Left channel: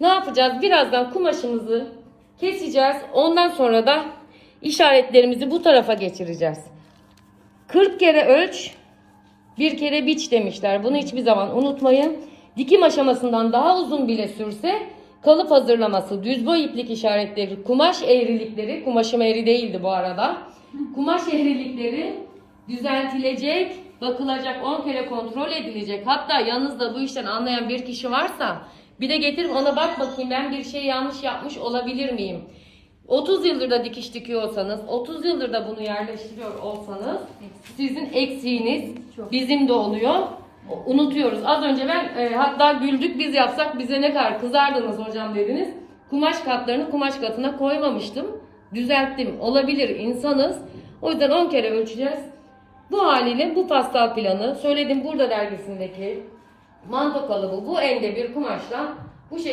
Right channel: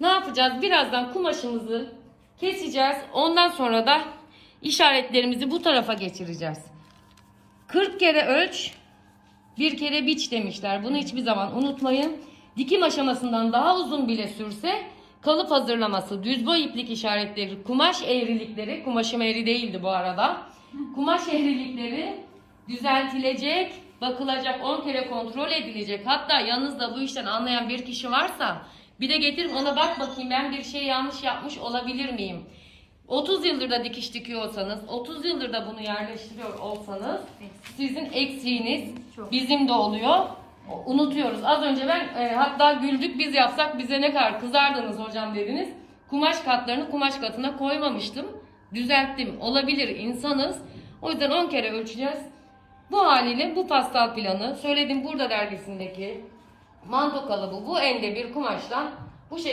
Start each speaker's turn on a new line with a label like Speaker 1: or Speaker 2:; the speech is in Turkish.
Speaker 1: Ne yapacağız? Birazdan kumaşımızı keseceğiz. Ondan sonra da işaretlerimizi bu tarafa geçireceğiz. 40 kere ölç, bir kere biç demişler. Bunu hiçbir zaman unutmayın. Dikim aşamasından daha uzun bile sürse kalıp hazırlaması, düz boy iplik işaretleri, kumaş eğrilikleri, kumaşım eğri değildi bu arada. Kumaş eğrilikleri düzeltilecek, bakılacak, 10 kere kontrol edilecek. Hatta yanınızda bu işten anlayan bir kişi varsa bir de getirin ona bak bakayım ben bir şey yanlış yapmış olabilir miyim? 30 yıldır da dikiş dikiyorsanız, 30 yıldır da bunu yerleştiriyor olsanız sizin eksiğiniz bizim de oluyor. Unutuyoruz. Az önce ben e, hatta güldük biz yapsak bize ne kadar kızardınız hocam dediniz. Kumaş katlarını kumaş katına koymamıştım. Düzelttim. Olabilir insanız. O yüzden 10 kere ölçeceğiz. Bu haliyle bu pastal planı söyledim burada dergisindeki manto kalıbı bu elde bir kumaştan bu şekilde